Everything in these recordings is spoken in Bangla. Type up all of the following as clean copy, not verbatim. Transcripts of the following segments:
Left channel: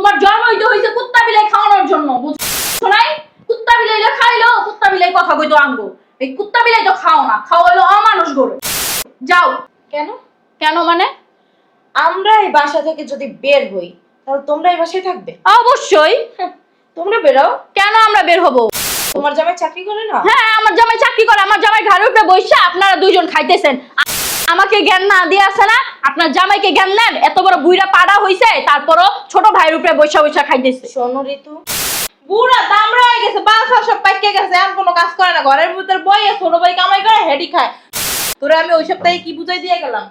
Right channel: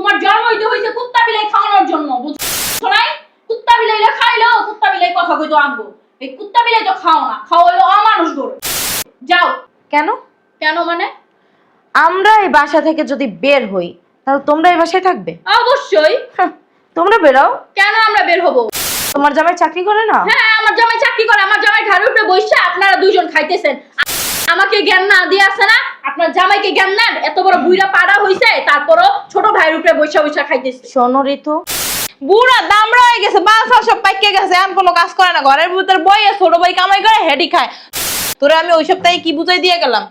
তোমার জন্মই তো হইছে কুত্তা বিলাই খাওয়ানোর জন্য, বুঝছো নাই? কুত্তা বিলাইলে খাইলো, কুত্তা বিলাই কথা কইতো আনবো। এই কুত্তা বিলাই তো খাও না, খাও হলো অমানুষ গরু। যাও। কেন? কেন মানে? আমরা এই বাসা থেকে যদি বের হই তাহলে তোমরা এই বাসায় থাকবে? অবশ্যই। তোমরা বেরাও। কেন আমরা বের হবো? তোমার জামাই চাকরি করে না? হ্যাঁ, আমার জামাই চাকরি করে। আমার জামাই ঘরের উপরে বসে আপনারা দুইজন খাইতেছেন। আমাকে জ্ঞান না দিয়ে আছে না, আপনার জামাইকে জ্ঞান দেন। এত বড় বুইড়া পাড়া হইছে, তারপরও ছোট ভাইয়ের উপরে বসে বসে খাইতেছে। শোনো ঋতু, বুড়া দামড়া হয়ে গেছে, বালফা সব পাইকে গেছে, এমন কোনো কাজ করে না। ঘরের ভিতর বইয়ে ছোট ভাই কামাই করে হেডি খায়। তোরে আমি ওই সপ্তাহে কি বুঝাই দিয়ে গেলাম,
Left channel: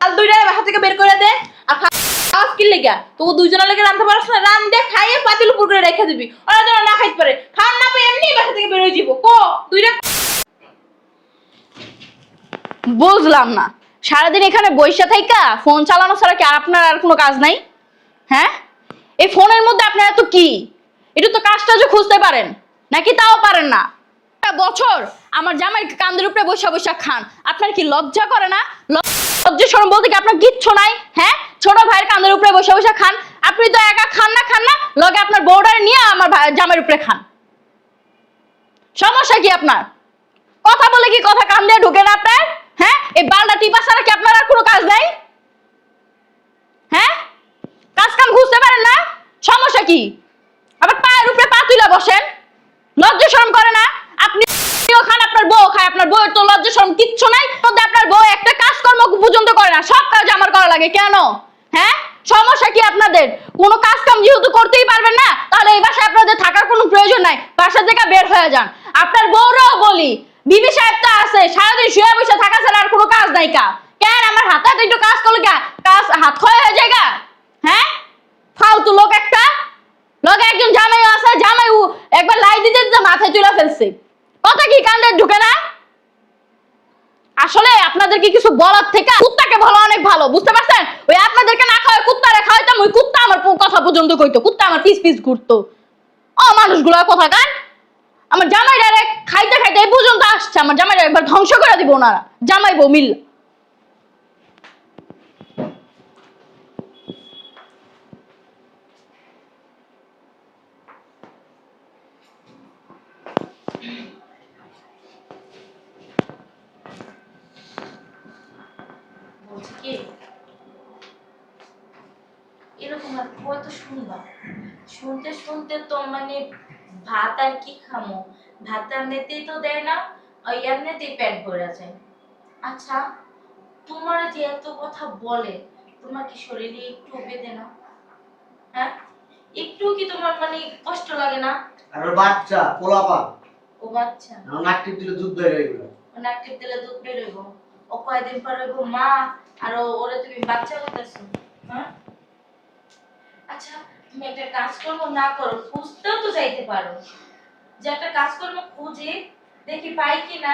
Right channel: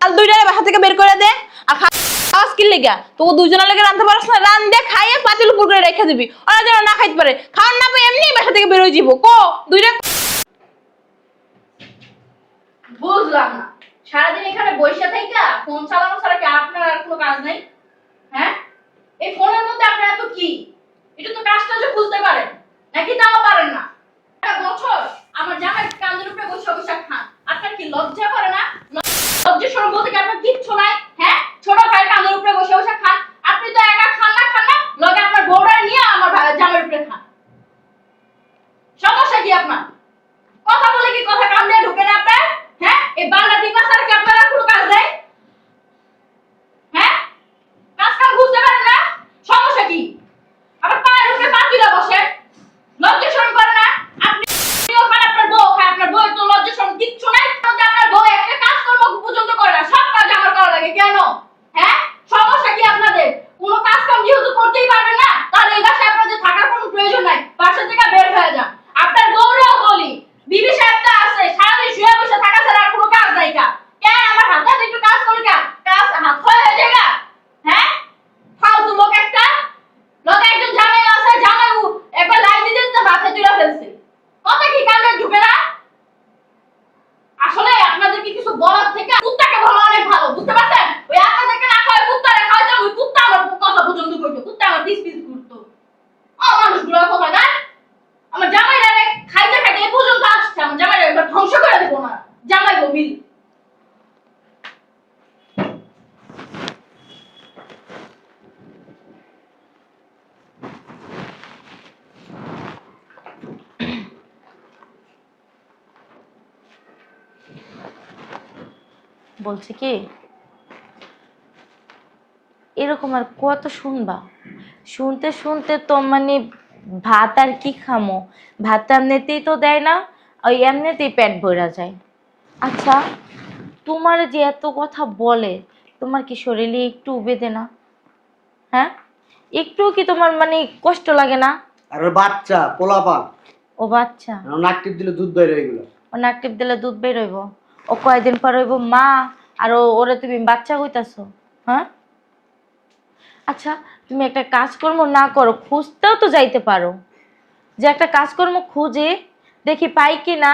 আর দুইটা বাসা থেকে বের করে দে। আর খাওয়া স্কিল লেগে তো দুইজনের লেগে রাঁধতে পারছ না, রান দে, খাইয়ে পাতিল উপর করে রেখে দিবি, ওরা যেন না খাইতে পারে। খাওয়ার না পাই এমনি বাসা থেকে বের হয়ে যাবো। কো দুইটা বুঝলাম না, সারাদিন এখানে বসে থাইকা ফোন চালানো ছাড়া কি আপনার আর কোনো কাজ নাই? হ্যাঁ, এই ফোনের মধ্যে আপনার এত কি? একটু তো কাজটা যে খুঁজতে পারেন, নাকি তাও পারেন না? বছর আমার জামাই কান্দের উপরে বসে বসে খান, আপনার কি লজ্জা করে না? লজ্জা শরম বলতে কি আপনার কিচ্ছু নাই? হ্যাঁ, ছোট ভাইয়ের কান্দের উপরে বসে বসে খান। আপনি তো একা খান না, লগে আপনার বউডার নিয়ে আমার জামাইয়ের উপরে খান। সমস্যা কি আপনার? কথা বলে কি কথা কান দিয়ে ঢুকে না আপনার? হ্যাঁ, এই বান্ডা টিপা ছাড়া কি আপনার আর কোনো কাজ নেই? হ্যাঁ, কাজ কাম বুঝতে পারেন না? সমস্যা কি? আবার পায়ের উপরে পা তুলে বসেন, লজ্জা শরম করে না? আপনিও খান, আপনার বউ খায়, আপনার বউয়ের তো লজ্জা শরম কিচ্ছু নাই। তবে আপনার বউ একটা কাজকর্ম পর্যন্ত করে না, সব কাজ আমার করা লাগে। কেন? হ্যাঁ, সমস্যা কি আপনাদের? কোনো কাজ কাম যেহেতু করতেই পারবেন না, তাহলে এই বাসায় আপনাদের থাকার কোনো প্রয়োজন নাই, বাসা থেকে বের হয়ে যান। আপনার বউরও বলি, বিবি সাহেব তো আছে, সারাদিন শুয়ে বসে থাকা ছাড়া আর কোনো কাজ নাই কা? কেন আমার হাতে হাতে একটু কাজ করলে কা কাজ হাত ক্ষয় হয়ে যায় গা? হ্যাঁ, ফালতু লোক একটা। লোক একজন জামাই আছে, জামাই একবার লাই দিতে দিতে মাথায় তুলে ফেলছে। কথা কি কান্দে ঢুকে না? আসলে আপনাদের কি কিছু বলার থেকে কুত্তাকে ভালো, অনেক ভালো, বুঝতে পারছেন? ওই আপনাদেরকে না খাওয়াই কুত্তারে খাওয়াইতাম, ওই কুত্তা আমার কথা পর্যন্ত কইতো, কুত্তা আমার পিস পিস ঘুরতো। মানুষগুলো কথা কান। আমার জামাইরা খাইতে খাইতে এই পর্যন্ত আসছে, আমার জামাইরা একবার ধ্বংস করে দিব ওনারা, জামাই বউ মিল। বলছি কি, এরকম আর কত শুনবা? শুনতে শুনতে তো মানে ভাত আর কি খামো, ভাত এমনিতেই তো দেয় না, ওই এমনিতেই পেট ভরা যায়। আচ্ছা, তোমার যে এত কথা বলে, তোমার কি শরীরে একটু বেদে না? হ্যাঁ, একটু কি তোমার মানে কষ্ট লাগে না? আর ওর বাচ্চা পোলাপান, ও বাচ্চা, নাক টিপ দিলে দুধ বের হয়ে গেল। ও নাক টিপ দিলে দুধ বের হইব? ও কয়দিন পর হইব মা, আর ওরে তুমি বাচ্চা হইতাছো? হ্যাঁ, আচ্ছা, তুমি একটা কাজকর্ম না করো, খুঁজতেও তো যাইতে পারো, যে একটা কাজকর্ম খুঁজে দেখি পাই কি না।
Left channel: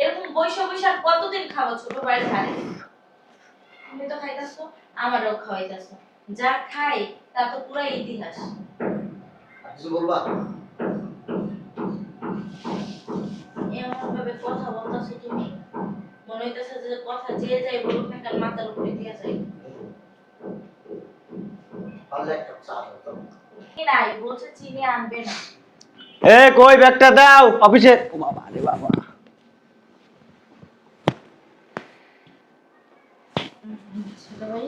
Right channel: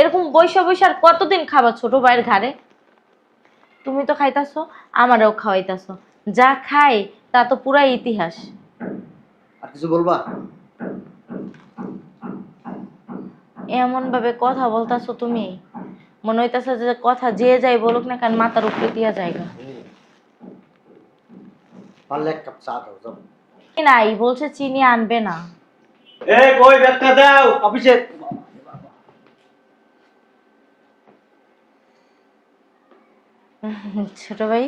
এরকম বৈশা বৈশা আর কতদিন খাবা ছোট ভাইয়ের ঘাড়ে? তুমি তো খাইতাছো, আমারও খাওয়াইতাছো, যা খাই তা তো পুরাই ইতিহাস। আর কিছু বলবা? এমন ভাবে কথা বলতাছো তুমি, মনে হইতাছে যে কথা যে যাই বলুক না কেন মাথার উপরে দিয়া যায়গা। পারলে এক কাপ চা দাও। নাই বলছে চিনি আনবে না। এ কই ব্যাগটা দাও অফিসে। ও বাবা রে বাবা, ছোট ভাই,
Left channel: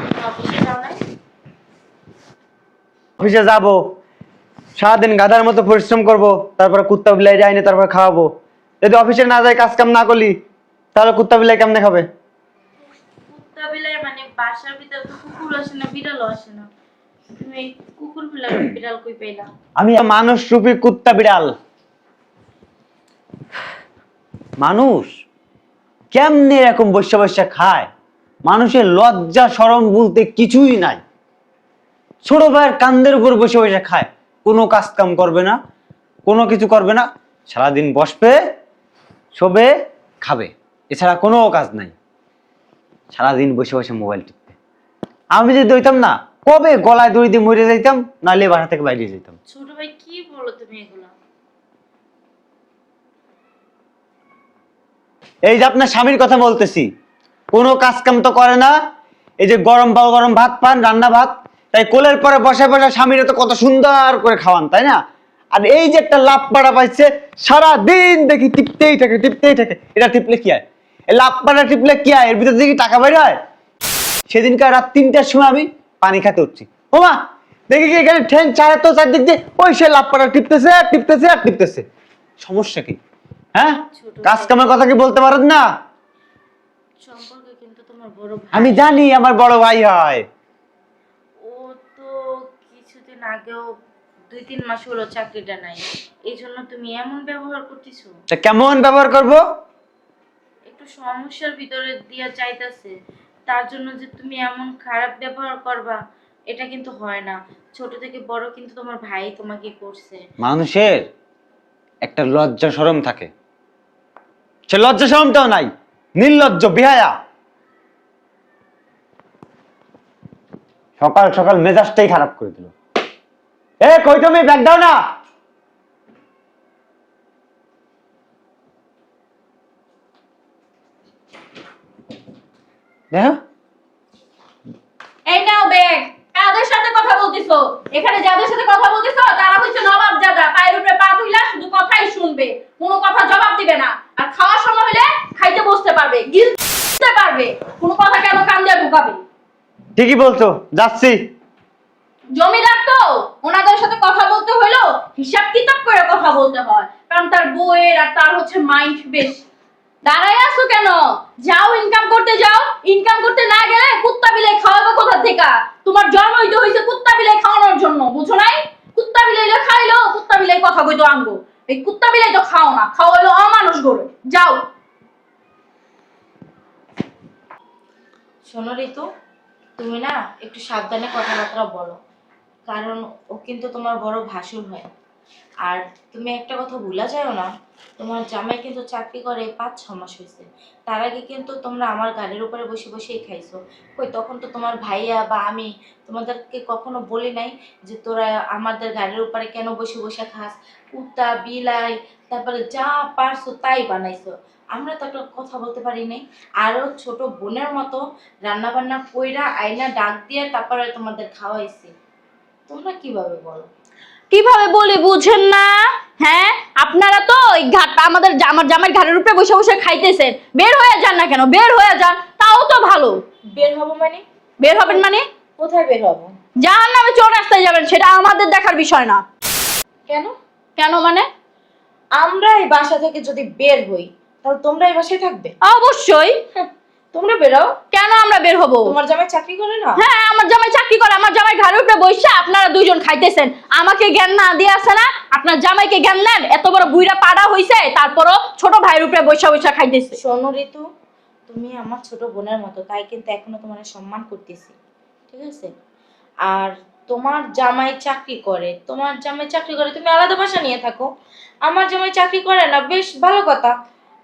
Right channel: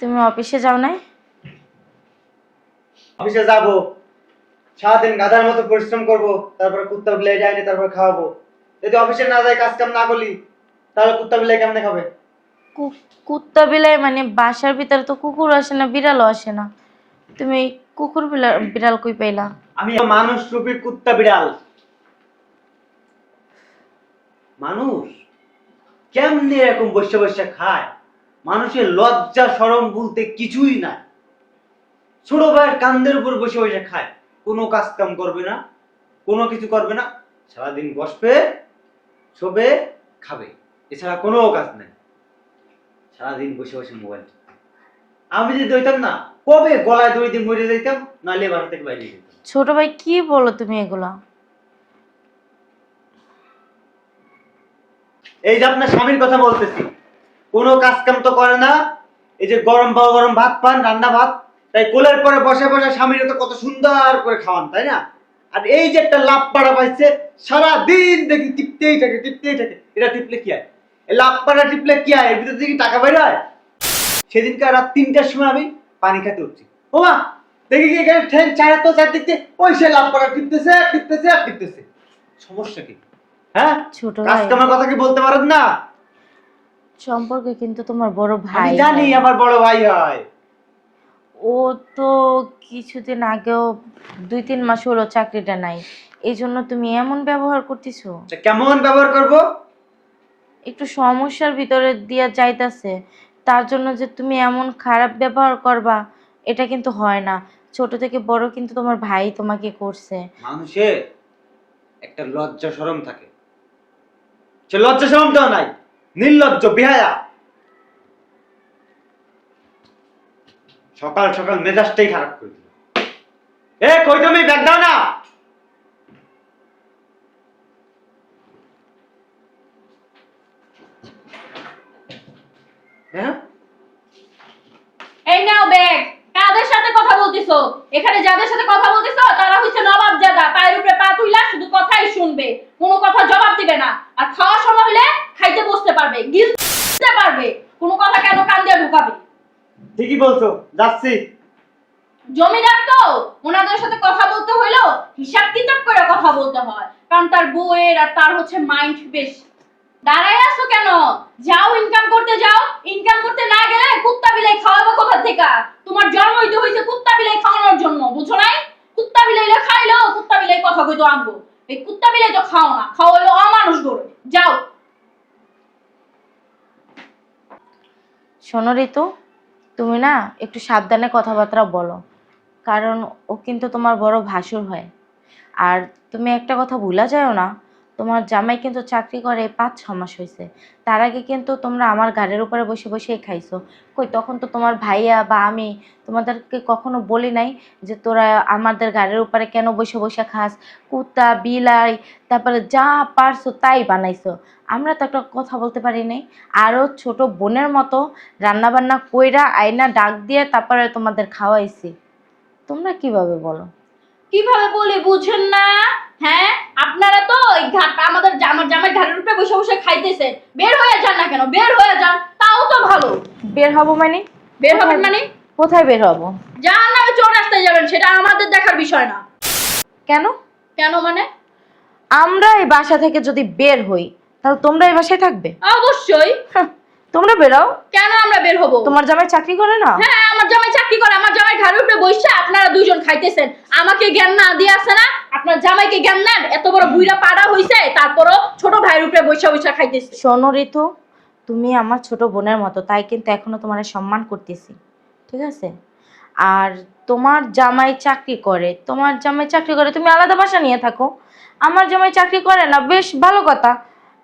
তুমি অফিসে যাও নাই? অফিসে যাব, সারাদিন গাধার মতো পরিশ্রম করব, তারপরে কুত্তা বিলাই যায়নি, তারপরে খাওয়াবো। যদি অফিসে না যাই, কাজ কাম না করলি, তাহলে কুত্তা বিলাই কেমনে খাবে? কুত্তা বিলাই মানে বাসার ভিতরে তো কুকুর আসে না, বিড়ালও আসে না, তুমি কুকুর বিড়াল কই পাইলা? আমি মানুষ রূপী কুত্তা বিড়াল। মানুষ কেমনে এরকম বসে বসে খায়? মানুষের লজ্জা শরম বলতে কিছুই নাই। ছোট ভাইয়ের কান্দের উপর বসে বসে খায়, কোনো কাজ কাম করবে না, কোনো কিছু করবে না, সারাদিন বসবে, শোবে, খাবে, এছাড়া কোনো কাজ নাই। সারাদিন বসে বসে মোবাইল টিপবে। আমি যদি হইতাম না, কবে গলায় দড়ি দিয়ে মরে যাইতাম, নাহলে বাসা থেকে বাইরে যেতাম। ছোট ভাই, কি বলো তুমি এগুলা? এই যে আপনার স্বামীর কথা বলতেছি, কোনো কাজ কাম তো করে না। এই যে গরম গরম ভাত পান, রান্না ভাত, তাই কোলের পরে বসে বসে স্বামীরা তো কত সুন্দর করে খাওয়ান, তাই না? আর এই যে একটা লাভ পাড়া পাইছে, সারা দিন দেখি টিপতেই থাকে। এটা টিপলে কি হয়? এই লাভ পাড়া টিপলে কি হয়? এর ভিতর থেকে টাকা বের হয়। সেদিনকার রাত 3টার সময় আমি পানি খেতে উঠছি, ও মা দেখি কি এখানে ঠ্যাং ছায়া তো চারদিক দিয়ে ওই সে লাভ পাড়া টিপতেছে। সমস্যা কি? হ্যাঁ, ছোট কাজ ভাই। কামের কথা কি বলতে পারেন না? সম্পর্কে কিন্তু তোমার বড় ভাই। আমি জানি আমার বড় ভাই হয়। ও তো কিছুদিন আগেও 2-3 মাস হলো চাকরিটা নাই, এই জন্য তুমি এমন ব্যবহার করতেছো। তা কেমন ব্যবহার করব? একটু সমস্যার ভিতরে দিয়া যাইতাছে, তার জন্য যে তুমি এমন খারাপ ব্যবহার করবা এটা কিন্তু হয় না। ছোট থেকে বড় কিন্তু তোমার ভাই তোমাকে করছে। মানুষের একটা লজ্জা শরম থাকে, সে লজ্জা শরমটাও নাই, নির্লজ্জ বেহায়া। সকাল সকাল মেজাজটাই খারাপ করে দিল। এ কই তুমি, ব্যাগ দাও না। দেখো এই নাও ব্যাগ। কাদের সাথে কথা বলতিছো? এখানে যাদের সাথে কথা বলতিছো তারা হচ্ছে নবাবজাদা, পায়ের উপরে পা তুইলা শুধু কথাই শুনবে, কোনো কথা জবাব দিবে না। আর খাওয়ার সময় হলে খাইতে বসতে পারবে, গিলতে পারবে, কোনো কথা কেন কান দিয়ে ঢুকাবে? ঠিকই বলছো, যাচ্ছি। জমিদার তো, ওনাদের সাথে কথা বলতে হইলো হিসাব কিতাব করে কথা বলতে হয়, কারণ তার বউয়ের আর তার হচ্ছে মাইন্ড বেশ। দাঁড়ায় আছো কেন? যাও ইনকাম করতে যাও। ইনকাম করতে না গেলে কুত্তা বিলাই খাওয়াবো কোথা থেকে? তোমার জন্মই তো হয়েছে কুত্তা বিলাই খাওয়ানোর জন্য, বুঝো নাই? কুত্তা বিলাইলে খাইলো, কুত্তা বিলাই কথা কইতো আনবো। এই কুত্তা বিলাই তো খাও না, খাওয়াইলো অমানুষ গরু। যাও। শোনো ঋতু, তুমি না একটু সাবধানে কথাবার্তা বলো, কারণ ও কিন্তু তোমার বড় ভাসুর হয়। আর তুমি একটা কথা ভুলা যাও না, তোমার জামাই কিন্তু চাকরি করে 5-6 মাস হয়েছে। তার আগে কিন্তু তোমরা আমার গাড়ির উপরে বসে বসেই খাইছো। কই তখন তো তোমার ভাইয়া বা আমি তোমাদেরকে কখনো বলি নাই যে তোরা আমাদের গাড়ির উপরে কেন বসে বসে খাস। কুত্তা বিলাই তারপরে যা পারছো তাই বানাইছো, আমরা তো একটা কথা বলতে পারি নাই। আরও ছোট বোনের মতো রান্না বান্না কইরা আয়না ডাক দিয়ে তারপরে তোমাদের খাওয়াইছি। তোমরা কিভাবে বলো? কিভাবে বলি বুঝেন না? হ্যাঁ, আপনারা তো এই ঘাট আমাদের আমার জামাই ঘাড়ের উপরে বসে বসে খাইতেছেন। বের হয়ে যান না কেন? বের হয়ে যান, তাও তো ভালো। বের হবো মানে? বের হবেন মানে? কোথায় বের হবো? জাহান্নামে চোর রাস্তায় যাবেন, সেটা আমাদের দেখার বিষয় না। কেন? কেন মানে? আমরা এই বাসা থেকে যদি বের হই তাহলে তোমরা এই বাসায় থাকবে? অবশ্যই। তোমরা বেরাও। কেন আমরা বের হবো? তোমার জামাই চাকরি করে না? হ্যাঁ, আমার জামাই চাকরি করে। আমার জামাই ঘাড়ের উপরে বসে আপনারা দুইজন খাইতেছেন। আমাকে জ্ঞান না দিয়ে আছে না? আপনার জামাইকে জ্ঞান নেন। এত বড় বুইড়া পাড়া হইছে, তারপরও ছোট ভাইয়ের উপরে বসে বসে খাইতেছে। শোনো ঋতু, তুমি আমার ছোট বোনের মতো, তাই কিন্তু এখনো তোমার সম্মান করতেছি, ঠিক আছে? আর তোমার জামাই চাকরি করে, তুমি আলাদা বাসা নিয়ে থাকো। আমার জামাই চাকরি করে না, বেশ ভালো কথা।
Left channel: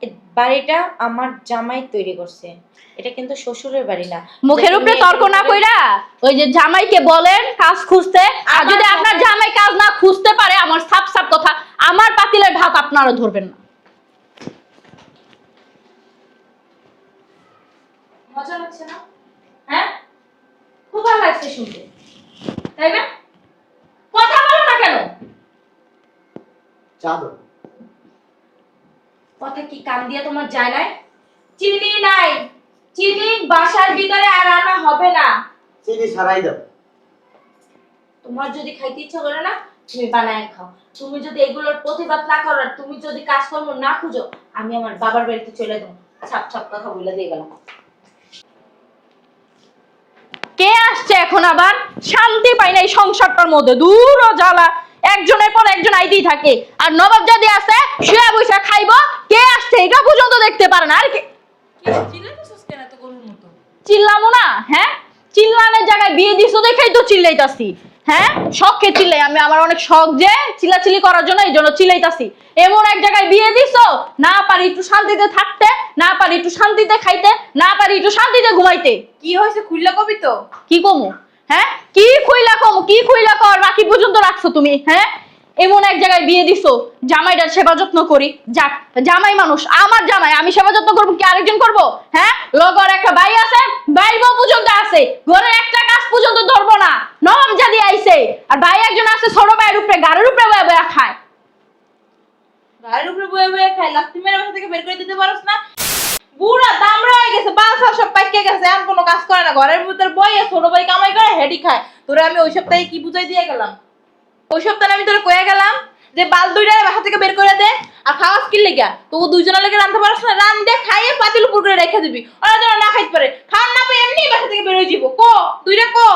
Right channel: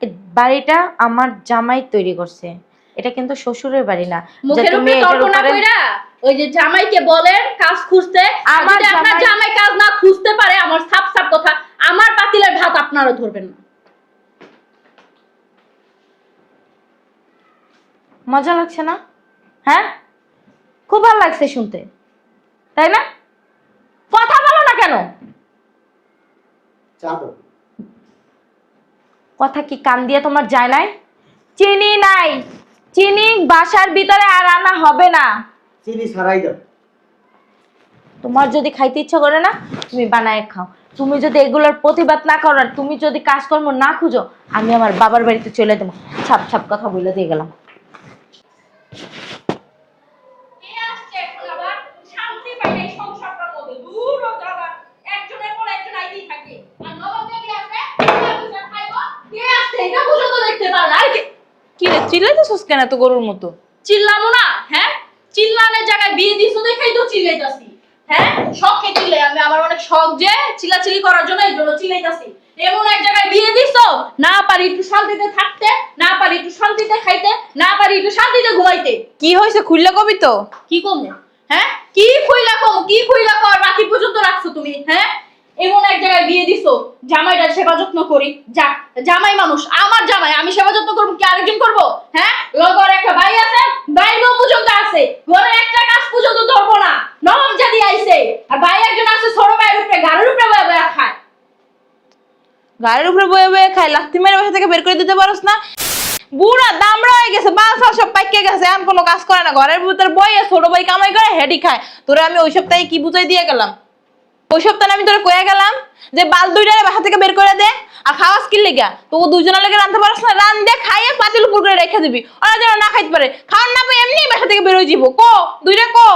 এই বাড়িটা আমার জামাই তৈরি করছে, এটা কিন্তু শ্বশুরের বাড়ি না। মুখের যে উপরে তুমি তর্ক এটার না উপরে- কইরা ওই যে জামাইকে বলেন কাজ খুঁজতে। আর আমার যদি আপনার জামাই- জামাই কাজ না খুঁজতে পারে, আমার সাপ সাপ কথা, আমার পাতিলের ভাত আপনারা ধরবেন না। মজা লাগছে না? হ্যাঁ, খুব ভালো লাগছে শুনতে, তাই না? কথা বলো না কেন? চা দাও। কথা কি কান দিয়ে তোমার যায় নাই? চিনি নাই, চিনি বাসার ভিতরে আর আনা হবে না। চিনি ছাড়াই দাও। তোমার যদি খাইতে ইচ্ছে করে না, তুমি বানায় খাও। তুমি যদি এগুলোর প্রতিবাদ না করো, আর তুমি যদি কাজকর্ম না খুঁজো, আমি আমার বাবার বাড়িতে চলে দেবো। ছাপ ছাপ কথা বলে দিয়ে গেলাম। কে আসছে এখন আবার? শান্তি পাই না এই সংসারটার মধ্যে, দূর ও জ্বালা। একজনের পর একজন আইতেই থাকে। আর নবাব যদি আছে শুয়ে বসে খাইবো, কে আসছে এটা পর্যন্ত দেখতে পারে না। আর কি রে চিল্লাইতেছস কেন এত গরুর মতো? চিল্লামো না? হ্যাঁ, চিল্লানোর জায়গায় বিয়ে দিছো দেখাই তো চিল্লাইতাছি। হ্যাঁ, শখে চিল্লাই আমি, আমার অনেক শখ যে চিল্লাচিল্লি করার জন্য, এই জন্য চিল্লাইতাছি। এমন এক জায়গায় বিয়ে দিছো, না পারি একটু শান্তিতে থাকতে, না পারি একটু শান্তিতে খাইতে, না পারি একটু শান্তিতে ঘুমাইতে। কি হয়েছে খুললে কবি তো? কি কমু? হ্যাঁ, কি খুইলা কমু? কি খুইলা কর রাখি পর্যন্ত রাখছো তুমি? হ্যাঁ, এমন এক জায়গায় বিয়ে দিছো, জামাইটা সেবা যত্ন করি। যাক, জামাই মানুষ, আমার জামাই, আমি সেবা যত্ন করবো কি আরেকজন করবো? হ্যাঁ, লগর একটা ভাই আছে, ভাই পর্যন্ত আছে, ঘরে একটা কাজ পর্যন্ত ধরবো না। নবাব ওয়ে খাই, লাথি মেরে বাসা থেকে বের করে দিতে পারোস না? বুড়া দামড়া হয়ে গেছে, বাল খাওয়া সব পাইকে গেছে, এখন কোনো কাজ করে না, ঘরের ভিতরে বইয়ে ছোট ভাই কামাই করে হেডি খায়। তোরে আমি ওই সপ্তাহে কি বুঝাই দিয়ে গেলাম? ওই সপ্তাহে আমি তোরে কয়ে গেলাম যে বাল দুইটারে বাসা থেকে বের করে দে, আর খাওয়া স্কিল লেগা তো দুইজনের লেগে রাঁধতে পারছ না, রান দিয়ে খাইয়ে পাতিল উপর করে রেখে দিবি, ওরা যেন না খাইতে পারে। খাওয়ার না পাই এমনি বাসা থেকে বের হয়ে যাবো। কো দুইটা কো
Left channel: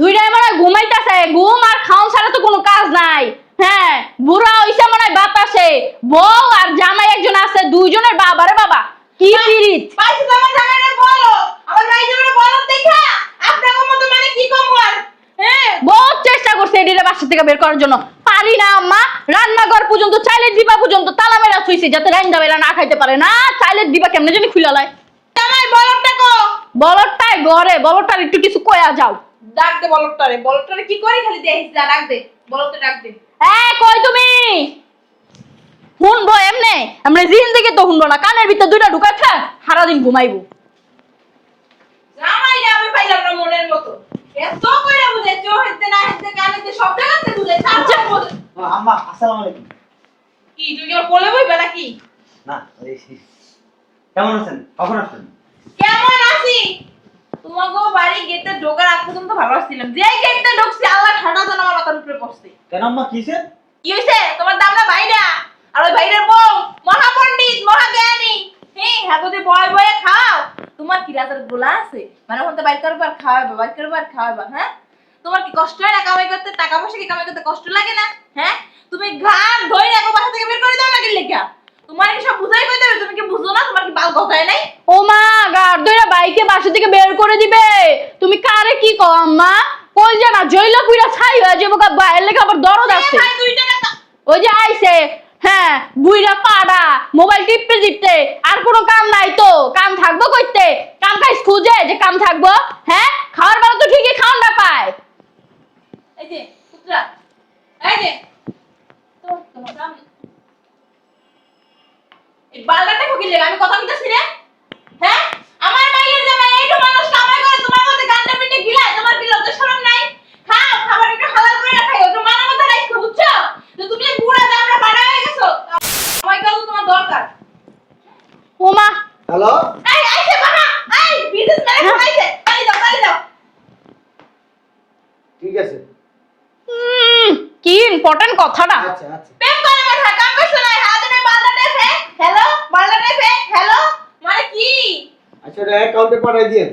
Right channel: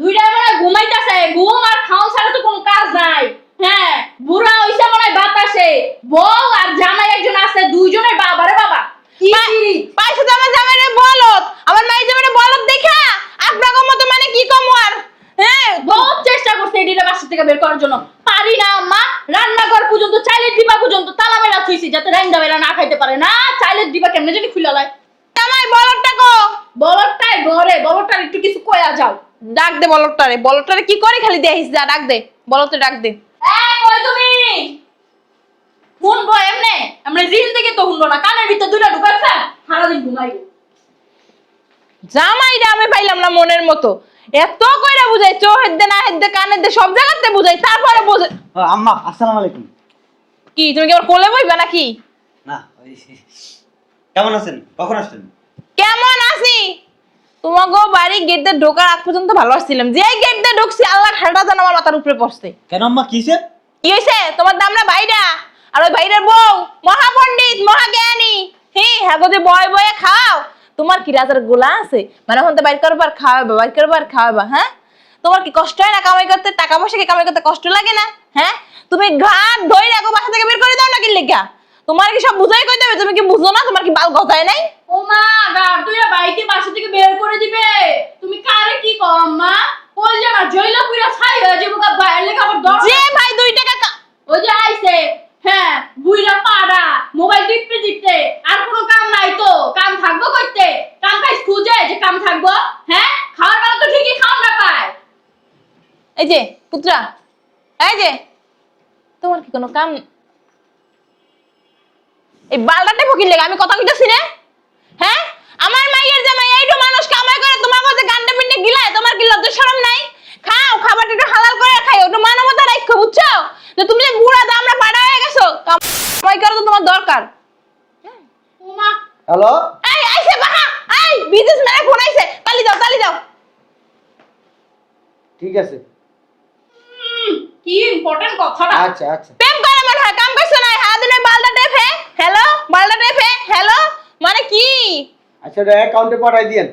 দুইটা মানে ঘুমাইতেছে, ঘুম আর খাওয়া ছাড়া তো কোনো কাজ নাই। হ্যাঁ, বুড়া হইছে মনে হয় বাতাসে, বউ আর জামাই একজন আছে, দুইজনের বাবা রে বাবা কি পিরিত। পাইছে তো আমার জামাইরে বলত, আমার মাই জামাইরে বলত দেখা আপনাকে মতো মানে কি কম আর। হ্যাঁ, বহুত চেষ্টা করছে এটিরে বাসা থেকে বের করার জন্য, পারি না আম্মা। রান্নাঘর পর্যন্ত, চাইলের ডিবা পর্যন্ত তালা মেরা থুইছি যাতে রাইন্দা মেরা না খাইতে পারে না। চাইলের ডিবা কেমনে জানি খুলে লয়। জামাই বলতটা কো, বলটাই ঘরে, বলটার একটু কিছু কয়া যাও। ডাক দে বলতটারে, বলতটারে কি করে খালি দেখিস, যা ডাক দে বলতে, ডাক দে। হ্যাঁ, কই তুমি? শুনবো এমনে, আমরা জিন্দেগি তো শুনবো না, কানের ভিতরে দুইটা ঢুকাই খা সারাদিন ঘুমাইবো। জামাইরে আমি পাইলাম না মনের মতো, এত কইরা বুঝাই, চোখের দে না হেদ্দে কানের দে সব জায়গাতে বুঝাই, তারপরে বুঝাই। আম্মা আসসালামু আলাইকুম। কি তুমি কি আমার কোলে বইবা নাকি? না কেমন আছেন? কখন আসছেন? কেমন আছি? তোমাকে বাড়ি গেট দিয়ে ঢোকার আগ পর্যন্ত ভালো আসছিলাম, যে গেট দিয়ে ঢুকছি আল্লাহ ঠাডা যেন আমার মাথার উপরে পড়ছে। কেন আম্মা কিসে? কি হয়েছে? তোমার দাম না ভাইরা, আর ওই ভাইরের বউ মহাপণ্ডিত মহাজ্ঞানী। হ্যাঁ গো, যে বয় বয়ে খাও, তোমার কি রাজার গোলা আছে? মানে এখন তো বাইর করবার খাওয়াবা, বাইর করবার খাওয়াবা। হ্যাঁ, তোমার কি কষ্ট হয় না কামাই করতে? টাকা পয়সা কি কামাই করতে কষ্ট লাগে না? হ্যাঁ, তুমি ঘাট ধরে রাখো, বাসা থেকে বের করে দাও নাকি লেখা? তোমার কি সব বুঝাই কইতে হবে? তুমি কি বুঝো না? তোমার কি বাল গজায় নাই? ও মা, গাড় ধরে বাইকে বাসা থেকে বের করে দিবে? তুমি কারে কি কও আম্মা? কই জানা জইলা পুরা ছাই হয়ে যাবো, গা বাইরে লেখা আবার দরকার যে আছে। ভাই 2 টাকা ওই যে আইছে, হ্যাঁ, বুইরা পাড়া মোবাইল টিপতে টিপতে, আর কোনো কাম নাই তো, কাম থাকবো কইতে? কাম কাজ খুঁজে যে কাম থাকবো? হ্যাঁ, খাওয়ার বেলা তো ঠিকই খাওয়ার না পায়। এই যে পুত্রা, এই যে তোমার কি কোনো কাম? এই বালটাতে ফকির লেগে আমি কথা কইতাছি রে। হ্যাঁ, আমার মাইয়ের জামাই এইটো মানুষ কামাই করে, তোমার মধ্যে গান্ডা পিন্ডে গিলায়, তোমার কি লজ্জা শরম নাই? খাও, খাবারটা একটু হালাল করে খাইও, একটু মানবতা রাখো, বুঝছো? যে তুমি যে বুড়া দামড়া বাড়া হয়ে গেছো, কামাই করা তো তোমার দরকার। ও মা, হ্যালো, এই আইছে বাহা, এই বিজনেসম্যান ফোন আইছে, তালি দাও, তালি দাও। ঠিক আছে। কি ইম্পর্টেন্ট কথাটা। আচ্ছা আচ্ছা। প্রেম করে মানে হয়, কাম করছ না, হ্যাঁ দিনে বালটা টেফে হ্যালো, বালটা টেফে হ্যালো, মানে কি? আচ্ছা, এটা অ্যাকাউন্টে পাঠাই দিয়েন।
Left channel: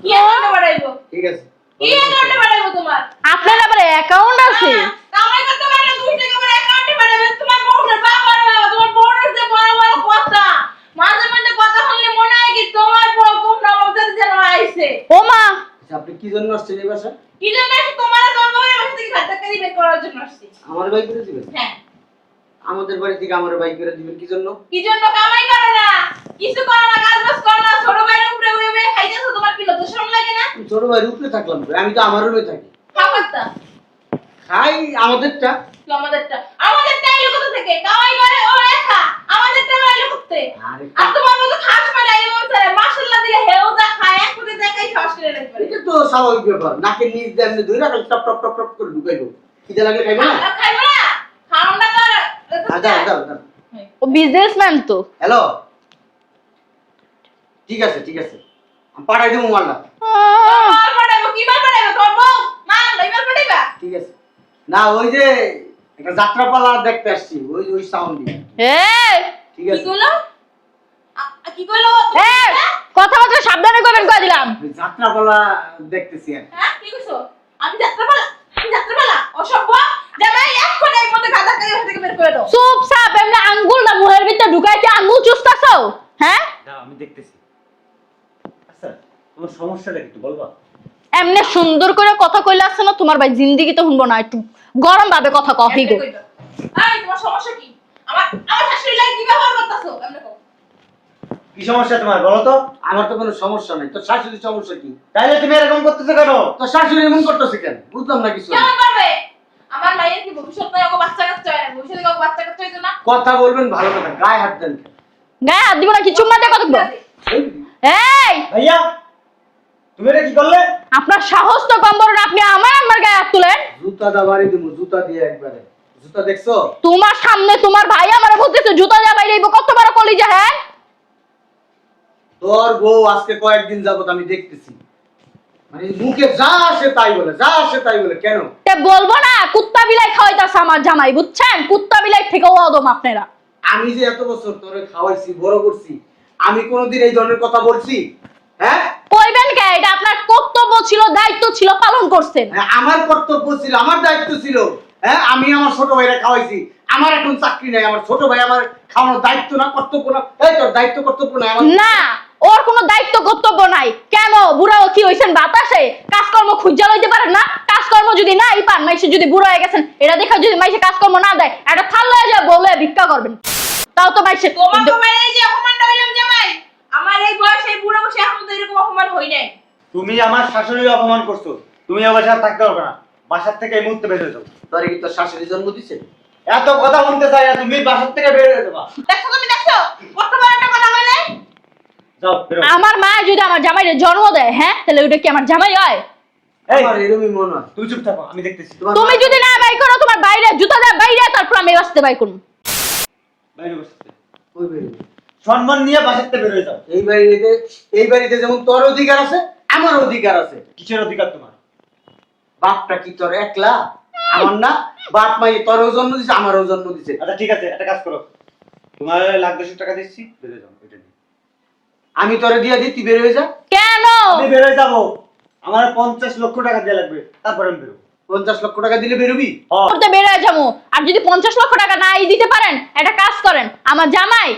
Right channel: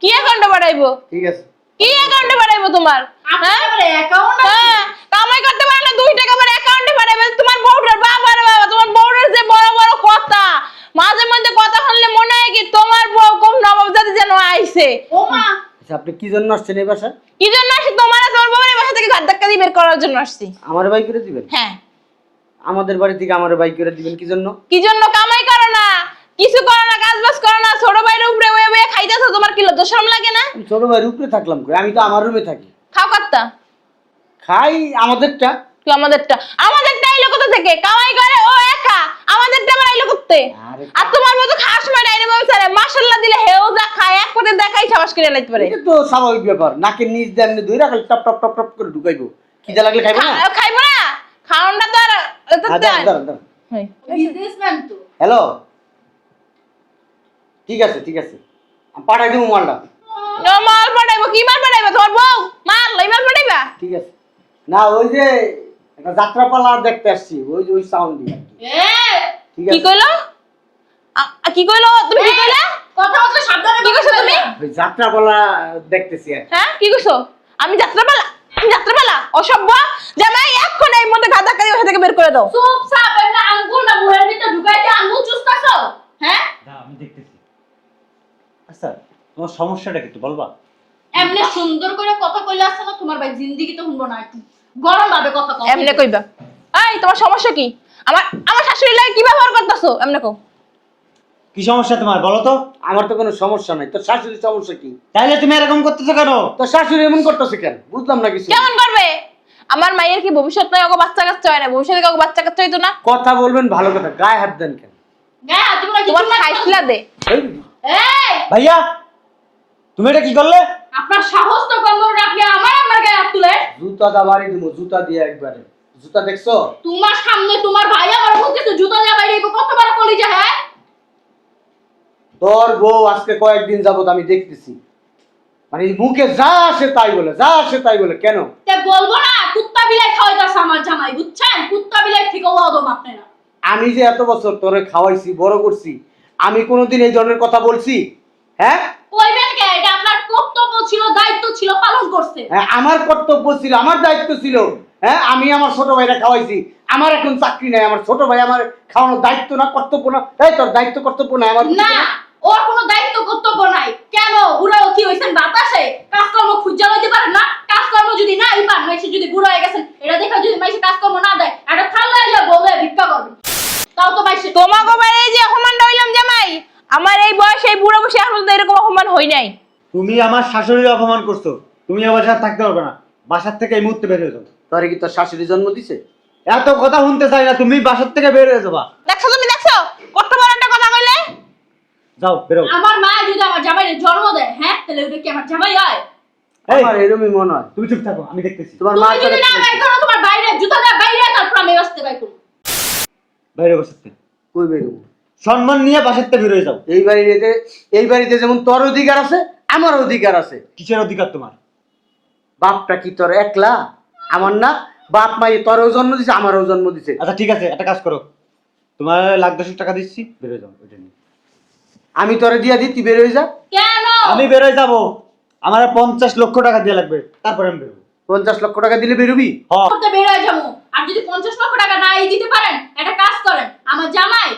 কি অ্যাকাউন্টে বাড়াইবো? ঠিক আছে। কি অ্যাকাউন্টে বাড়াইবো তোমার? আপনার আবার অ্যাকাউন্ট আছে? হ্যাঁ, কামাই করতে পারে না 2 টাকা করে অ্যাকাউন্টে বাড়াবে। তোমার বউটার বাবা রে বাবা, তোমার বউটার যে বড় বড় কথা, মাঝে মধ্যে কথা শুনলে মনে হয় কি তোমার বউ কোন নবাব জাতি যেন আইছে। ও মা, আচ্ছা, আপনি কি জন্য আসছেন এই বাসা? কি জন্য আসছি? তোমার আর তোমার বউয়ের বাসা থেকে ঘাট ধাক্কা দিয়ে বের করার জন্য আসছি। আমার বাই করে দিবেন? হ্যাঁ, আমাদের বাড়ি থেকে আমার বাই করে দিবেন কি জন্য? কি জন্য? কামাই করে না, কিছু করে না, কাজ বাজ করে না, ছোট ভাইয়ের উপরে ওয়ে ওয়ে খাইতেছো, তোমার কি লজ্জা শরম লাগে না? আমি ছোট ভাইয়ের উপরে থাকলাম কই? আমি তো আমার রুমে থাকি। খাও কাটতা খাই আমাদেরটা। কি আমাদেরটা? আমাদেরটা এলো কোথা থেকে? কামাই করে ও একা, আমাদেরটা আমরা এলো করতে। আরে আর তোমার মতো খাস মারা ডাইনি বংশারে মাশাআল্লাহ দিলে হেও যা খায় এক কোটে দেখাই সাবাস করে লাইতে পারে। এটা তো স্বাভাবিক ব্যাপার। নাকের নিচ দিয়ে আপনি ধরে রাখলে টপ টপ টপ টপ করে ঢুকাইবো। খিদে লাগলে খাইবে না? খাইবো না, খাওয়াটা তো আর দাঁড়ান দাঁড়ান দাঁড়ান। ও বিজনেসম্যান তো। হ্যালো, ঠিক আছে ঠিক আছে, আমি পাঠাই দেবো মালটা। মাল পাঠাইবো? কি মাল পাঠাইবো? তোমার বউ মাল লই মাল পাঠাইবা? ঠিক আছে। না, ওই যে একটা যাত্রাপালা দেখতে আসছি, ওই ওই সাউন্ড দিয়ে। এই ঠিক কি আছে। কইলো? কি কইলো? তুমি কি কইলা? কথাবার্তা সাবধানে কমেন্ট করে দিলাম। ওই যাত্রাপালা দেখতেছি আর কি। হ্যাঁ, কি কইছো? আমি যাত্রাপালা? আমি যাত্রাপালা? অসভ্য জামাই, এখন এই মধ্যে গাদা করে বাসা থেকে বের করে দাও। চুপ চাপ, এমনি আঙ্গুল না মুখের ভিতরে ঢুকাইতে আঙ্গুল চুষতাছো? হ্যাঁ, আমি দেখতেছি। আচ্ছা, তোমার সমস্যাটা কি একটু বলবা? এমনি সুন্দর করে কথা কইলে আছে না, তোমার ভাই জিন্দেগি তো শুনবো না, একটু গরম ভাবে কথা কও। এমনে কইবা? এই তোমার সমস্যা কি? আমার আমার শাশুড়ি লাগে কি ব্যবহার করতেছো? এমনে কও। কি সমস্যা তোমার বলো তো? আমার তো কোনো সমস্যা নাই। তোর শাশুড়ির সমস্যা কি? তাহলে তুমি এরকম করতেছো কেন? তোর শাশুড়ি এমন করতেছে কেন? বুঝলাম না কিছু। কেমন করবে? আমার মায়ের কি ভবিষ্যৎ নাই? ওকে বাচ্চা কাচ্চা হয় না? ভবিষ্যতে কাউকে বাচ্চা কাচ্চা হইতো না? কথা বলবেন ভালো কথা, গায়ে হাত দেন কেন? গায়ে হাত দিব না, কিছু তোমার মাথা সাইকেল কথা দে। এই, এই, ভাইয়া, তুমি এটা কি করলে? আপনার সাহস তো কম বড় না, আপনি আমার গায়ে হাত তুলে। জুতা দাবারে দিব, জুতা দিয়ে একবারে। জুতা দেখছো? তোমার সামনে তোমার ভাই আমার বলতেছে জুতা জামাই লইব, কত বড় কলিজা। হ্যাঁ তোর বউ আজকে কয়েকদিন যাবত আমি দেখতেছি, মানে মুখে যা আসে তাই বলে, যা আসে তাই বলে। কেন? তা বলবো না, কুত্তা বিলাই খাওয়াইতাছে আমার জামাই, বুঝছেন? কুত্তা বিলাই থেকেও অদম আপনারা। আমি যে এত বছর তোরে খাওয়াইছি, বড় করছি, আমি কোনোদিন এই ধরনের কথা বলছি? হ্যাঁ, কইবেন কে? এটা আপনার কর্তব্য ছিল, দায়িত্ব ছিল, পালন করছেন। হ্যাঁ, আমার কর্তব্য ছিল, আমার দায়িত্ব ছিল। হ্যাঁ, আমি আমার ছোট ভাইরা খাওয়াইছি। আমার এখন চাকরি নাই, আমার ছোট ভাই আমার খাওয়ানোর দায়িত্ব না, কর্তব্য না? এই তোর দায়িত্ব কর্তব্য না আমার? না, ওর কোনো দায়িত্ব কর্তব্য নাই। কেন বুড়াও কি হইছেন বাতাসে? কাজকর্ম খুঁজা লইতে পারেন না? কাজকর্ম যদি নাই পান, মাইসে যদি বুড়ো হয়ে গেছেন, এটা দেখা যদি মাইসে কাজকর্ম না দেয়, একটা থাল্লা যা বলে ভিক্ষা করবেন, তাও তো মাইসে। তোমাকে মানে যে অপমানটা হইলাম জামাই, আমার এই বয়স এই বুড়ো বসে এখন তো এরকম অপমান হই নাই। তুমি আমার শাশুড়িকে অপমান করছো, তুমি আমার সাথে থাকতে পারবে না, বাসার থেকে এই মুহূর্তে বের হয়ে যাও। তোর কি তোর শাশুড়ি জন্ম দিছে? এত কথা শুনতে চাই না, তুমি বাসার থেকে বের হয়ে যাবা। দেখছো তুমি, দেখছো কত বড় একটা কথা কইলে? যাও বের হও। আমার মা যদি আমার জামাইরে জন্ম দেয়, হ্যাঁ, তাহলে ওটা কি আমার জামাই হয়? এই, আমার এরকমই মনে হয়। তুমি চুপ থাকো, আমি দেখতেছি। তোমার তুমি মা যদি তোরে- না বাই করো, তোমার বাইরে জুতা দেয় বাইরে, তারপর আমি বাঁচতে বাই করুন। বাইরে বসে কই বেরোবি? সম্মান নিয়ে বাসার থেকে বের হয়ে যাও। এই বাড়িতে যেমন তোর অধিকার আছে, আমার অধিকার আছে। কিসের অধিকার তোমার? বাপটা কি তোর একলা? আমার না, বাপ মাই তোরও জন্ম দিছে, আমারও জন্ম দিছে। আচ্ছা ঠিক আছে, একটা কাজ করো, তোমার 1,10,000 টাকা দিচ্ছি, বের হয়ে যাও এটা নিয়ে। আমি তোরে দিয়া দিই, তুই বের হয়ে যা। কেন? আমি বের হয়ে যাবো, আমার 50 লক্ষ টাকা দেওয়া লাগবে, তারপর আমি বেরোবো। 50 লক্ষ টাকা দিলে বেরোবি? করতে বের হয়ে যাবো। আর যদি 50 লক্ষ টাকা নাই দিতে পারেন, একটা কাজ করেন, আমার জামাই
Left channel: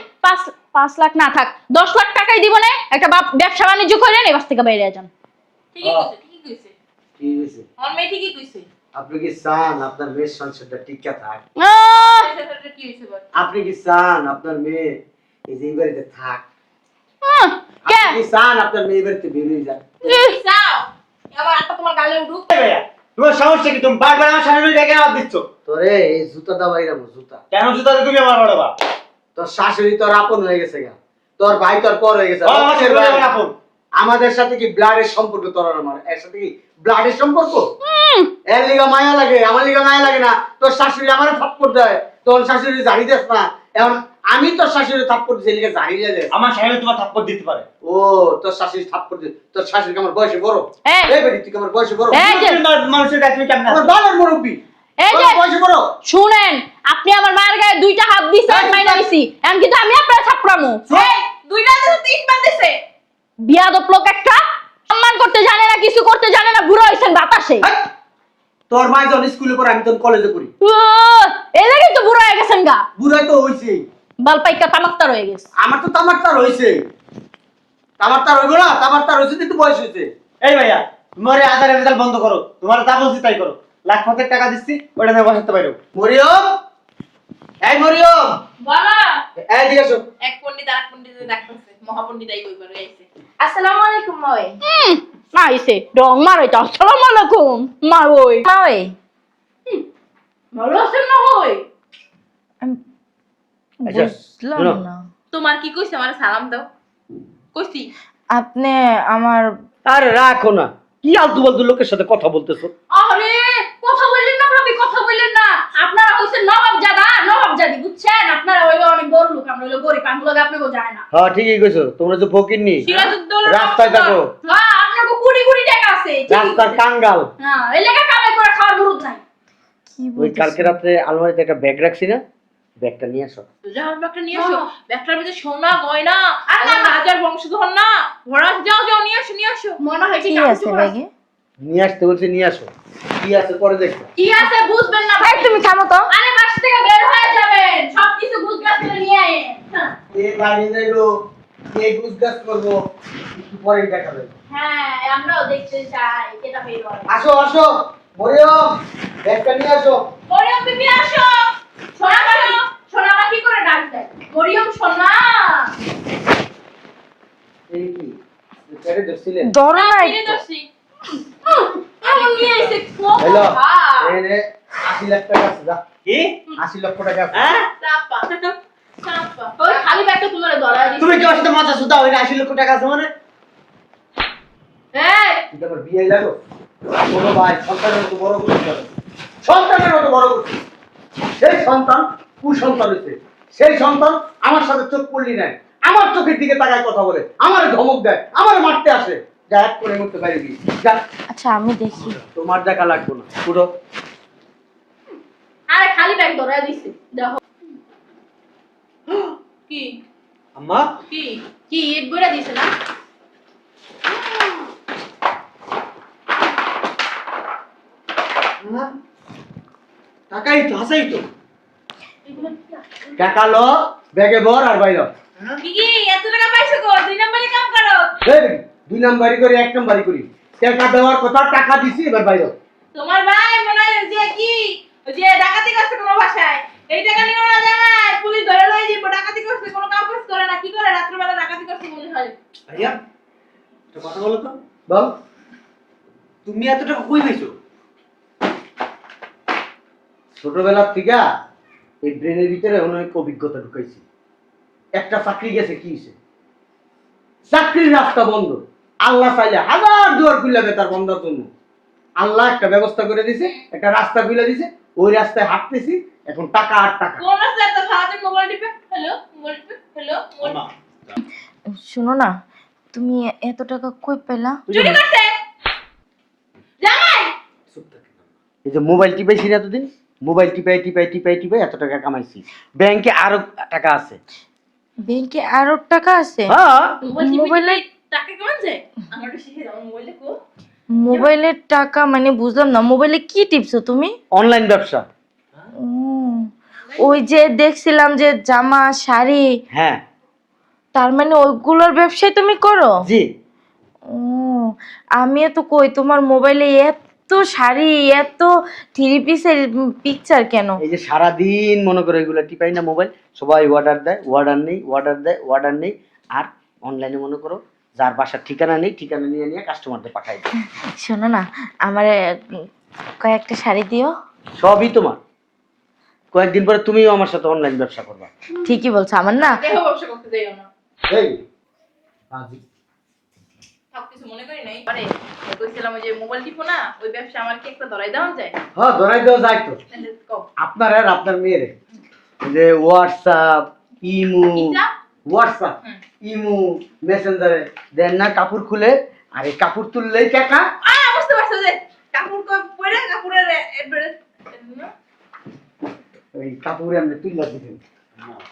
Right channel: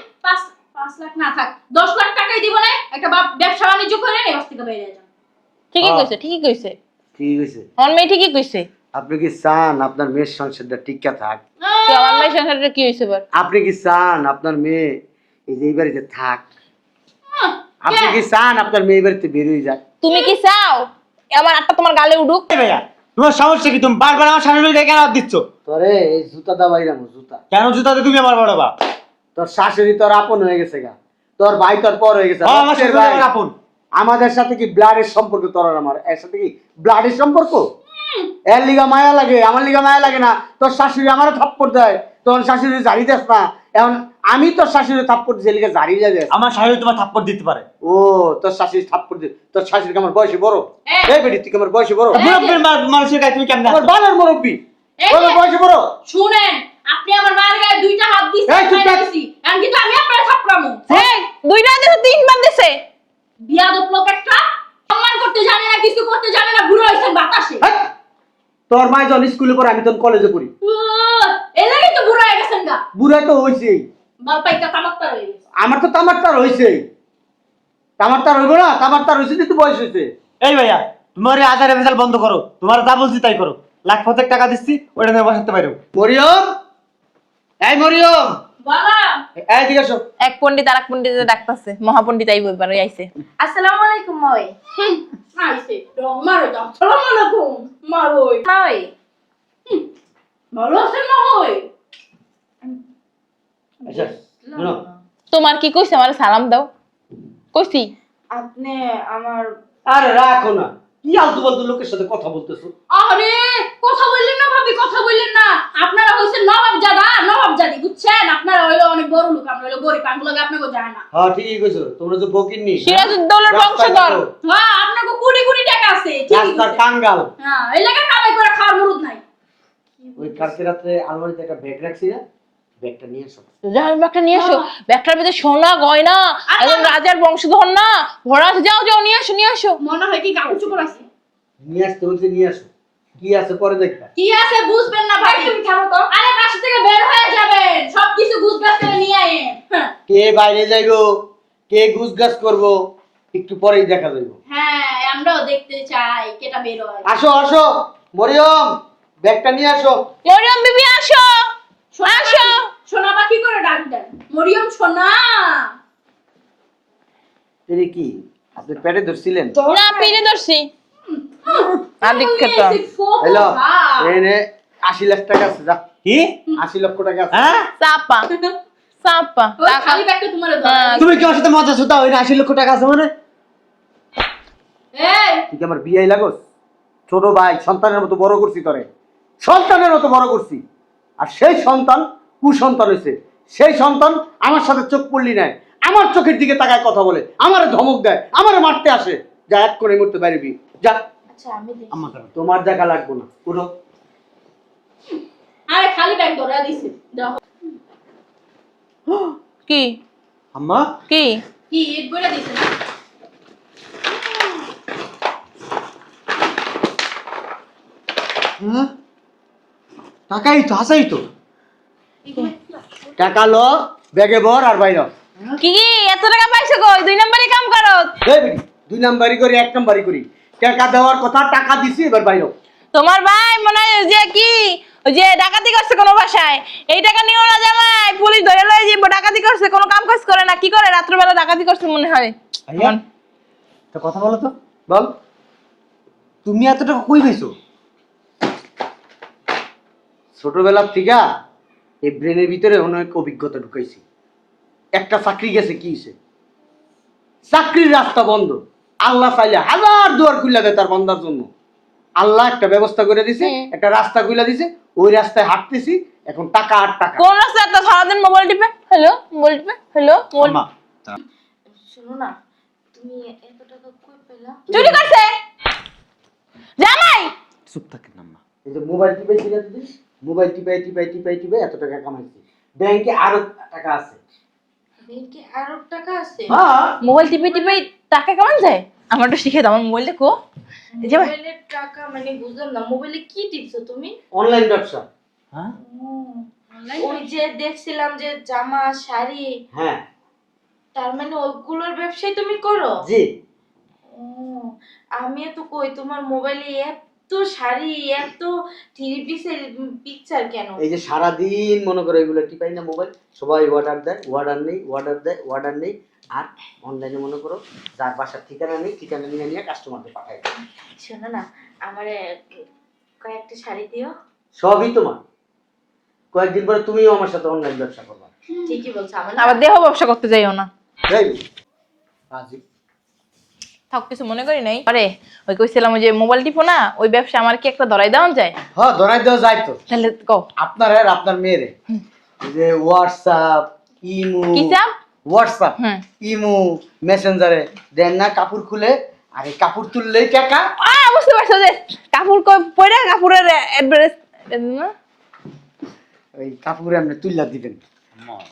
5 লাখ না থাক 10 লাখ টাকাই দিব না, একটা ব্যবসা বাণিজ্য করেন, এই বাস থেকে বাইরে যান। ঠিকই কইছে, ঠিকই কইছে, ঠিক আছে। অন মেয়ে ঠিকই কইছে। আপনি কি চান আপনার মেয়ের সংসারটা টিকা থাক? তো অন মেয়ে সংসারটা কি হইছে বার? আপনি কি চান আপনার মেয়ে এই যে এই বাড়িতে থাক? কে? আপনি কি চান আপনার মেয়ে এই বাড়িতে বের হয়ে যায়? তুমি কি চাও আবার একটা তোমার গালে উঠুক? এই ভাইয়া, তোমার সমস্যা কি? তুমি বারবার আমার শাশুড়ি ডেকে হাত দিচ্ছ তোরে এই জুতা দাবাইলাম, জুতা। কেন? জুতাতে তুমি আমার বড় বাপ। তোর শাশুড়ি তোর আপন হয়ে গেছে গা, তোর ভাই তোর পর হয়ে গেছে। আমার শাশুড়ি ভাই। আমার আপন। আমাদের সাথে কি ব্লাডের সম্পর্ক? তোর আর আমার এর সাথে কি ব্লাডের সম্পর্ক? এর লিগা মায়া লাগে, আমার লিগা মায়া লাগে না? তোর শাশুড়ি আমার থাপ্পড় দেয়, তোর শাশুড়ি জারি দেস না। এখন আমি তোর শাশুড়ি থাপ্পড় দিই, লিগা জারি দেয়। আমার শাশুড়ি তোমার থাপ্পড় দিতে পারে। ও, তোর শাশুড়ি থাপ্পড় দে। তোর শাশুড়ি আমার বয়সে বড়? এই। এই বেটি, তুই কি আমার বয়সে বড়? এই। মানুষের গায়ে তুমি কেমন আমার বাবার মুরব্বি, এই তোর যে- বয়সে বড়? শুনেন, আপনি আমার মায়ের গায়ে 2টা হাত দিছেন, এই, মাইনা ঠিক আছে। দিছি, এমন কিন্তু আমি আপনার থাপড়ামু। এই দুইটা দিছে, তিনবার দিছে। বিয়াদব লোক একটা, সম্মান করতে জানে না, কিছু করতে জানে না, বুড়ো হইছেন বাতাসে। এই, তোর মা যখন স্কুলে পড়ে, আমি তখন কলেজে পড়ি। এই লাগি তো বুড়ো হয়ে গেছেন গা, বুড়া তো হইছে। বালপাইকা তামাকতার হয়ে গেছে। আমার তো তামার হইছে। তামার হইব না? তামার হইছে, কিন্তু বয়স হইছে। এই ভাইয়া, তোমার এই আজারের রেজাল্ট বন্ধ করো, তোমার যা বলছি তাই করো। 1,50,000 টাকা দিচ্ছি, ওটা নিয়ে বসাতে পারো। মরিয়ম, এই মরিয়ম, বাবা, এই দিকে এসো। এক পণ্ডিত আর এক পণ্ডিতে ডাকতাছে, মহাপণ্ডিত আইব এবার আইছে। আসসালামু আলাইকুম মই। না আইছে ডং মারে তো। আসসালামু আলাইকুম মা। ওই মই ভালো আছেন না? ওই আচ্ছা, বুঝলাম শোনো। না। তোমার কি কইছে? আমার সালাম দাও কইছি। আপনি আমার আরে রাখো না, কি আলতু ফালতু লোকের সাথে কথা বলতেছো? আরে কথা বললেন না ভাবি, কথা বললেন না। আপনারা হইছেন নবাবজাদা, নবাবজাদি, বুঝছেন? আপনারা হইলো অনেক বড় লোক, আমরা হইলো গরিব, আমগুলোকে আপনাকে যায় না। হ্যাঁ, ঠিকই কইছো, তোমরা যে ফকিন্নি, সিরাজউদ্দৌলার রাস্তায় বংশধর। দেখো, হ্যাঁ, আপনাকে কোটি কোটি টাকা আছে, ঠিকই রাস্তার কইছেন। কাঙ্গাল। হ্যাঁ, এই লেখা কামাই করে খাওয়ার মুরুদ নাই। কি ওই কালকে রাত্রে আলমারিতে একটা ব্যাগ রাখছি না, ব্যাগটা নিয়ে আসো। যাও ব্যাগটা নিয়ে এসো। হ্যাঁ। ব্যাগটার ভিতরে সোনা গয়না, একদম রাজার বংশধর না, ভরা আছে। যাও যাও নিয়ে আসো, নিয়ে আসো। মনে হয় কি কি কাপড় আছে চোপড় আছে। ব্যাগে? নিয়ে আসতে বলছি, নিয়ে আসো। কি আছে পরে দেখবা। কি আছে বুঝবেন না ভাই, তুমি থামো তো। আরে বাসা থেকে বের হয়ে যাবেন, সবকিছু গুছগাছ করে নিয়ে আয়েন। হ্যাঁ। কে বাইরে যাইবো, কে গুছগাছ করবো, একটু পরেই দেখা যাবে। হ্যাঁ, আমরাও দেখতে চাই কেটা বের হয়। আসো আসো মরিয়ম, ব্যাগটা নিয়ে আসো। মরিয়ম বিবি আসো, আসো। সোনা পাখি করে ডাক দেয়, মরিয়ম সোনা। এই কি আপনি পেটে ধরছিলেন? না ফিরে ধরছি। কেমন নিয়ে এসে কত হ্যালো, ভাব। এই নে 80 লাখ টাকা আছে, যা। কি? 80 লক্ষ টাকা আছে। হ্যাঁ? চাপা চাপা। ওই খালি ব্যাগটা তোমার ধরা। তুমি কি আমার সাথে মজা সুতা? ওই 80 লক্ষ টাকা আছে মানে? এই তুই কি আমার বিয়ে লাগোস? ছোট ভাই সন্তানের মতো বড় করছি, করে সন্তানের মতো বড় করছি। আর সেই সন্তান কুসন্তান হয়েছে। সেই সন্তান আমার সাথে চোখ পড়লি নাই, আমার চোখের দিকে তাকায় কথা বলে, আমারে ধমক দেয়, আমারে মারতে আসে। যা এক করে মরতে পারবি যা। আচ্ছা আমি দেখি। তোমার দেখা লাগবে না, উঠো। আরে খালি ব্যাগ ধরে দিছে দেখো কি আম্মা কি কি ইট বইরা দিছে না হ্যাঁ? টাকাই তো আসাই তো। টাকা লো, ব্যাগে ভর আর বাইর হ। কি কি এত টাকা পাইছো গো? 2 নম্বরে কাম করো। এই বেটি, 2 নাম্বারি করি 1 নাম্বারি করি। টাকা দেওয়ার কথা, টাকা দিছি, এবার বাইর হ। তোমার ভাই মনে হয় যে কি ওই যে ডাকাতি করছে কোনো ভাষায়, এই টাকা নিও না জামাই, পুলিশ ধরে লয়ে যাবো। ডাকাতি করছে, কোনো কাম কাজ করে না, কি করে রাত্রবেলা ডাকাতি করছে মনে হয়। ভাইয়া একটা কথা বলো তো, বল। তুমি এত টাকা কই পাইছো? ছোটবেলার থেকে এই ব্রেনের ভিতরে অনেক অভিজ্ঞতা ঢুকাইছি। একটা চাকরি গেছে, কি হইছে? চাকরির রাস্তা বন্ধ। আল্লাহ চাইলে হাজার দুয়ার খুলে দেয় তার বান্দার জন্য। আল্লাহ একটা ব্যবস্থা করে দিছে, একটা রাস্তা খুলে দিছে, ওই রাস্তায় হাঁটতেছি, এখন টাকা আর টাকা। কোন রাস্তায় এত সারাদিন মোবাইল টিপে হ্যালো মোবাইল টিপে হ্যালো মোবাইল আম্মা শোনো না, তুমি এত টাকা কই পেলা? চুরি করছে জামাই। চুপ থাকেন আম্মা। এই যে মোবাইল টিপাইছি না এতদিন, মোবাইল টিপাই টিপাই টিপাই টিপাই এত টাকা কামাইছি। ব্যাংকে আরো টাকা আছে। ব্যাংকে আরো টাকা আছে? হ্যাঁ, মোবাইল টিপে টিপে টাকা কেমন যায়? আমার তো শিখে দাও, আমার মোবাইল দেখো। মোবাইলের টাকা মানে বুঝলাম না, মোবাইলে কি টিপছো তুমি? অনলাইন ব্যবসা। ও, ওই যে দেখছিলাম যে জামা শাড়ি, হ্যাঁ তার মানে ওইগুলোর ব্যবসায় তুমি করো? জি। ও, আমি তো কই তোমার মোবাইলে এত শাড়ি, এত থ্রি পিসের পিকচার কেন? এই যে সারাদিন মনে করো এগুলো টিপাই না মোবাইল, সবাই অর্ডার দেয়, অর্ডার নেই, অর্ডার দেয়, অর্ডার নেই। আর অনলাইনে মনে করো যার বাসার ঠিকানা নেই, ঠিকানা নিয়ে নিয়ে কাস্টমারদের পাঠাই দেয়। শোনো না, আমার কয়েকটা শাড়ি দিও। সবই তোমার। কয়েকদিন পরে তুমিও আমার সাথে অনলাইন ব্যবসা করবা। ঠিকই বলছো, আমার না না দেহ ব্যবসা করতে যাইও না। এই হাজি থাক, কিছু মনে করি নাই। আরে ওই কইছিলাম ওই যে মোবাইল টিপো না, ওই ব্যবসা আমার কি একটা ধরাই দেওয়া যায়? হ্যাঁ, ধরাই দেওয়া যায় তো। তাহলে কও আপনার আর আপনার মেয়েরে এই যে হোয়াটসঅ্যাপ, ইমো, কি চা? হোয়াটসঅ্যাপ, হুম। ইমো, মেসেঞ্জারে দেন না কাপড় খুলে, আর এই কাপড় তুললেই টাকা। বুঝতে পারছো যে কাপড় পরে কাপড়ের অ্যাড্রেস এই কাপড় আপনি তুললা দিবেন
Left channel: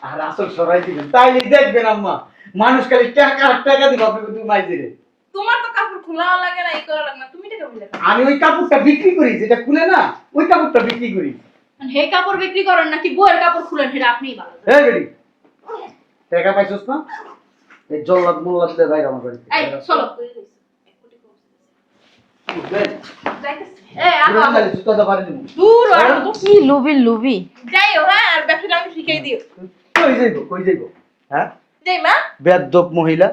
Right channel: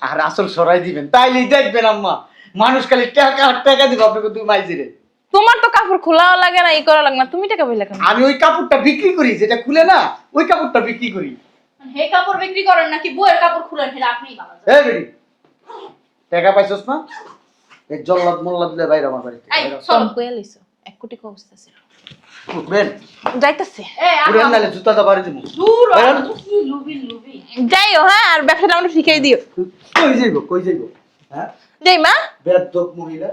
আর আসল সরাই দিবেন, তাইলেই দেখবেন আম্মা মানুষ খালি টাকা আর টাকা দিবে আপনাকে। তুমি মাইজিরে তোমার তো কাপড় খোলাও লাগে না, ই করা লাগে না, তুমি টাকা পাইলা কেন? আমি ওই কাপড়টা বিক্রি করি, যেটা খুলে না ওই কাপড়টা বিক্রি করি। হে কাপড় বিক্রি করেন নাকি বইয়ের কাপড় খুলেন সেটা আপনিই ভালো জানেন। হ্যাঁ বেরি, টাকা পাইছস না? এই জল্লাদ মোল্লাদ দিয়ে বাইরে আমার বাড়িতে এই চলো কইয়া লইছো 1 কোটি অবস্থা ছিল। উঠবেন যাইতাছে পুরান নালে জুতা দা বাড়ি দিমু। দূর কি লুবি লুবি। যাইও, হ্যাঁ, আর ব্যবসাটা আমাকে শিখাই দিও। কই যাইবো, কই যাইবো? হ্যাঁ, যাই মা। বেয়াদব মহিলা।